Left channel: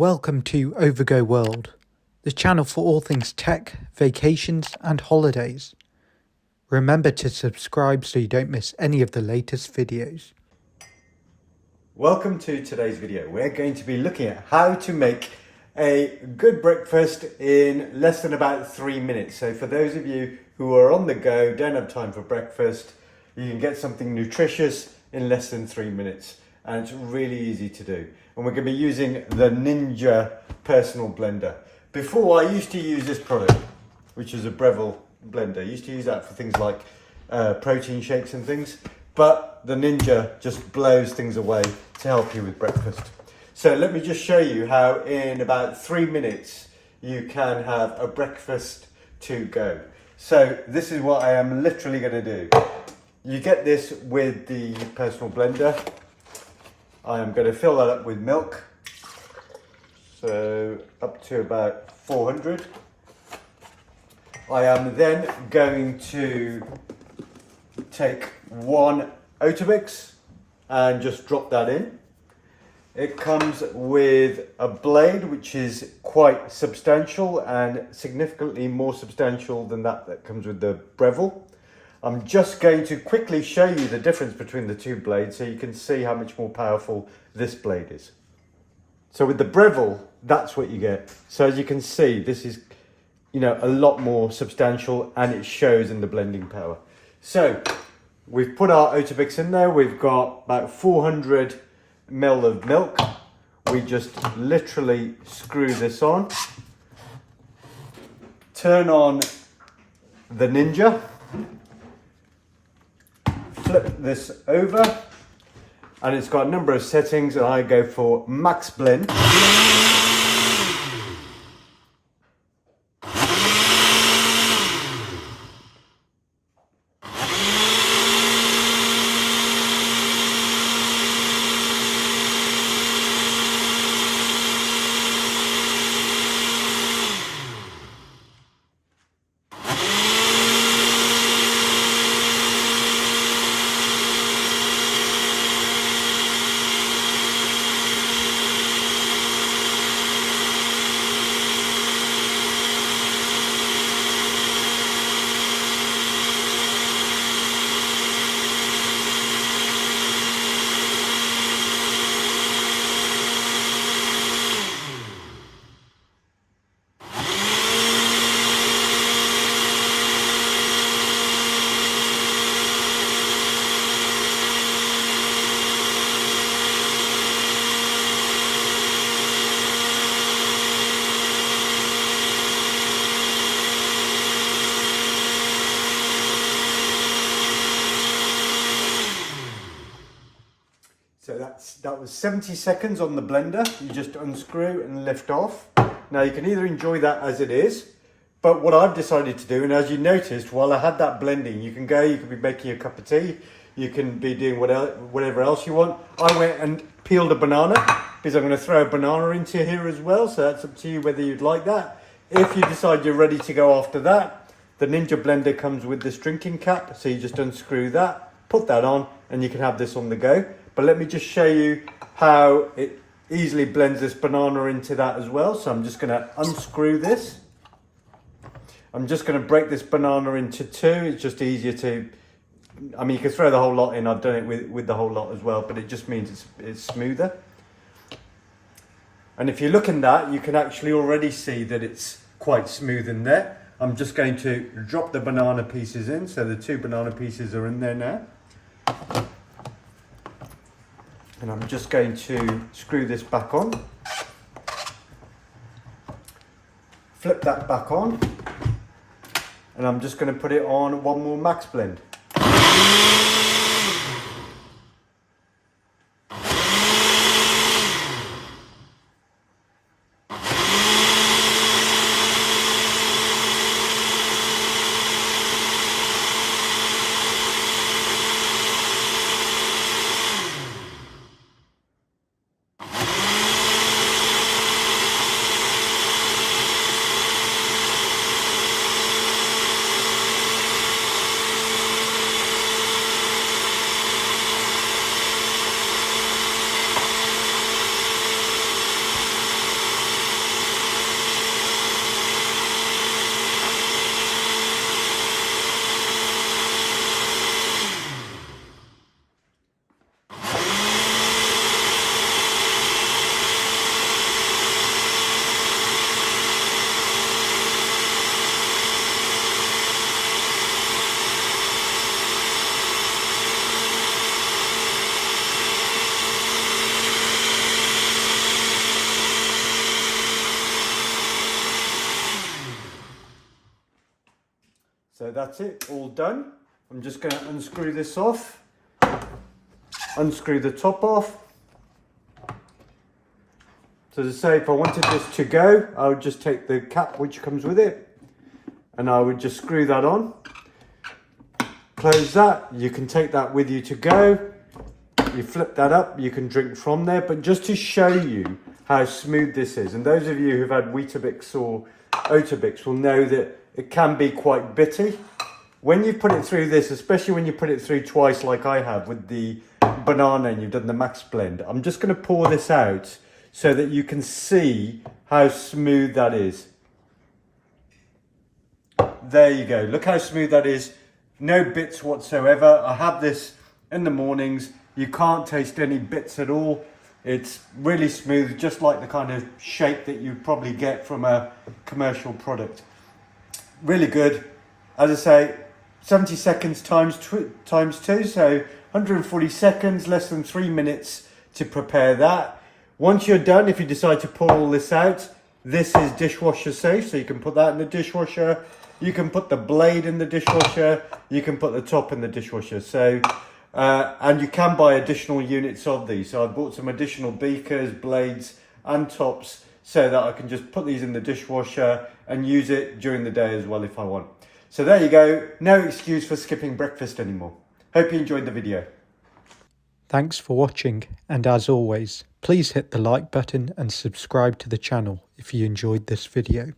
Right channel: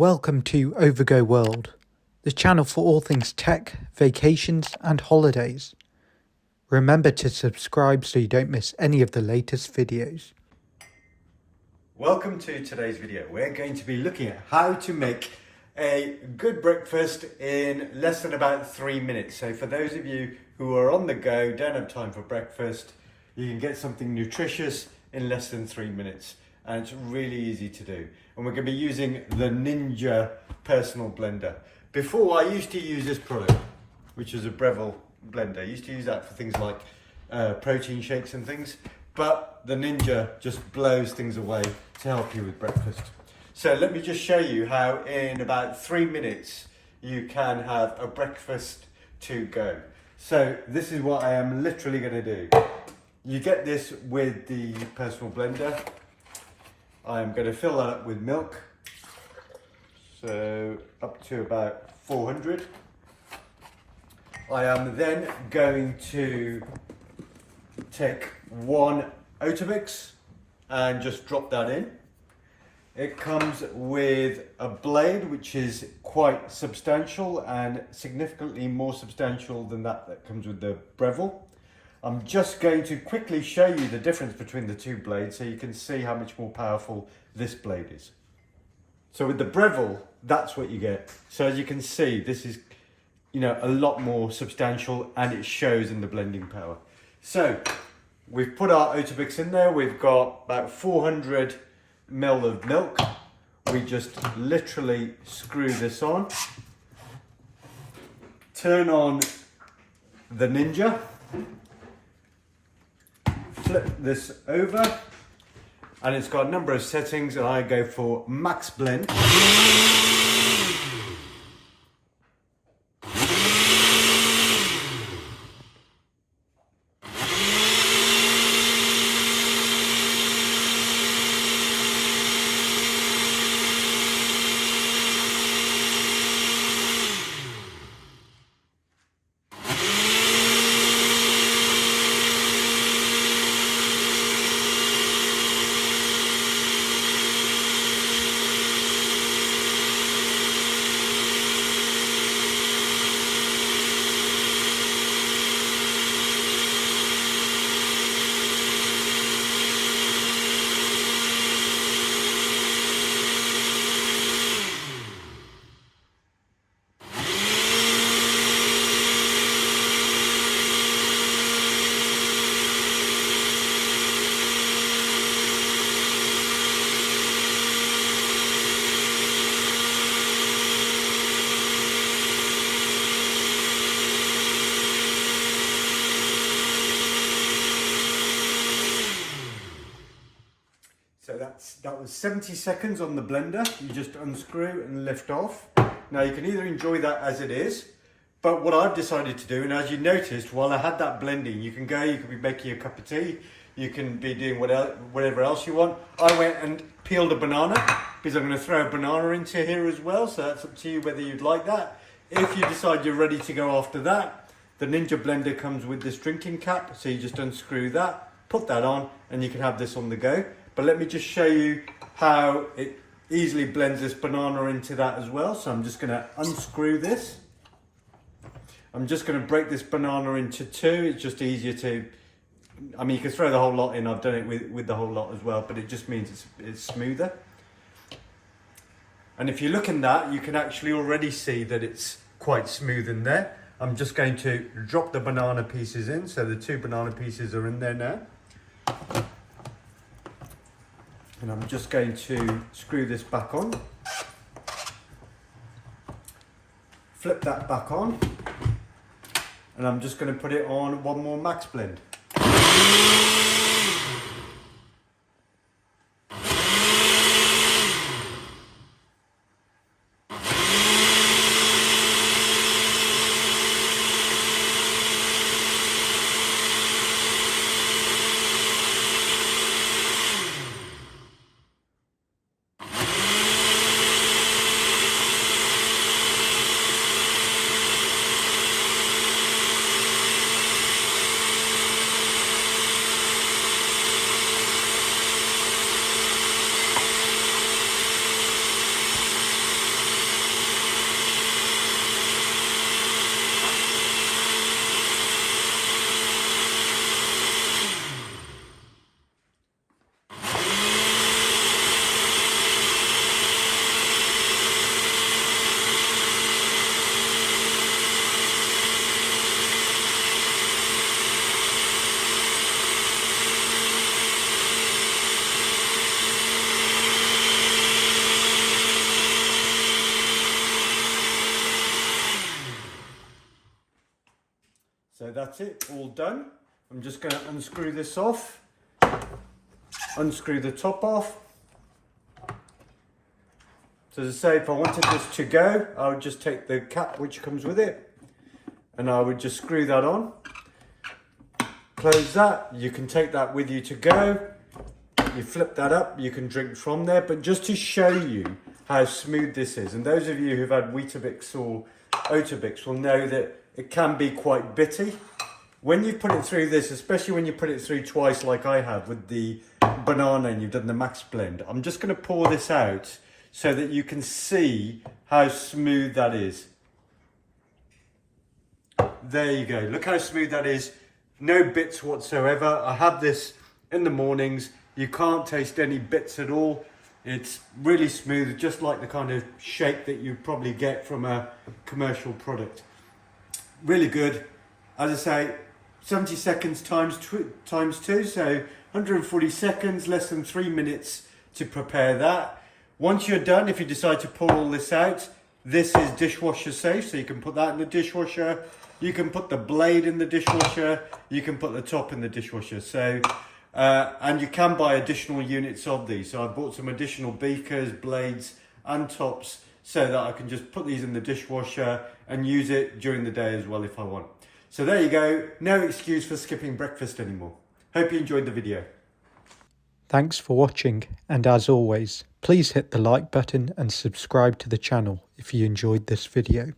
Welcome to Overgo World, the channel for all things tech, vacations and holidays. Remember to subscribe so you don't miss any of the latest videos. Welcome to today's video. We're going to be looking at how to make a good breakfast in less than about 3 minutes. So for those of you who are on the go, don't have time for breakfast, you can get something nutritious in less than 3 minutes. And it's really easy to do. And we're going to be using the Ninja Personal Blender. Before, I used to use this product, which is a Breville blender. I used to use that for things like protein shakes and things. But the Ninja just blows things away to help you with breakfast. So let me just show you how in about 3 minutes you can have a breakfast to go. So this is what I am literally going to do. You get this with the Personal Blender. I'm going to fill that up with milk, so up to about 400. I am then going to take one Oatabix and just drop that in. It comes with a blade which is quite substantial and significantly more substantial than that comes with the Breville. I'm just going to quickly show you the difference between the two blades so you can see how much more powerful this blade is. So with the Breville, that's what you get. So as you can see, this is, a lot more substantial and it shows in the blending power. So we've put our Oatabix in there. We've got about 400 ml of milk. We just literally screw this on. Turn on the Ninja. Flip this over and it's got a number of settings and I go for max blend. So that was 70 seconds on the blender. You just unscrew and lift off. Now you can either enjoy that as it is, but what I've decided to do, and as you noticed, while I had that blending, you can be making a cup of tea, you can be doing whatever else you want. I went and peeled a banana, because I'm going to throw a banana into here as well, so that's up to you whether you'd like that. If you decide you're ready to go after that, the Ninja blender comes with this drinking cap, so you just unscrew that, put that on, and you can have this on the go. But let me just show you how it easily blends this banana into that as well. So I'm just going to unscrew this. I'm just going to break this banana into two. It's just easier to, you can throw the whole lot in. I've done it with the whole lot as well, but it just means it's smoother. And if you look in that, you can actually already see that it's quite smooth in there. I'm just going to drop the banana pieces in. So the two banana pieces are in there now. And I'm just going to screw this back on, flip that back on, and I'm just going to put it on one more max blend. So that's it, all done. I'm just going to unscrew this off, unscrew the top off. So as I say, if I wanted this to go, I would just take the cap which comes with it and I would just screw that on. Close that, you can take that with you to go. You flip that up, you can drink from there. But just to show you how smooth this is, and those of you who've had Weetabix or Oatabix will know that it can be quite bitty. When you put it through this, especially when you put it through twice like I have with the banana and you've done the max blend, I'm just going to pour this out so that you can see how smooth that is. There you go, look how smooth that is. No bits whatsoever. I have this in the mornings. You can't taste any bits at all. It's really smooth, just like the kind of shape that you probably get from a commercial product. Really good. As I say, 70 seconds times two, so 140 seconds, less than 3 minutes to prepare that. Once you're done, if you decide to pull all this out, this is dishwasher safe, so you can put that in the dishwasher. You can put the blade in the dishwasher. You can put the top in the dishwasher. So, and you can buy additional units of these. So I bought some additional beakers, blades and tops so that I can just put these in the dishwasher and use it during the day as well if I want. So there you go. No excuse for skipping breakfast anymore. Hope you enjoyed the video. Thanks for watching, and as always, please hit the like button and subscribe to the channel if you enjoyed this video.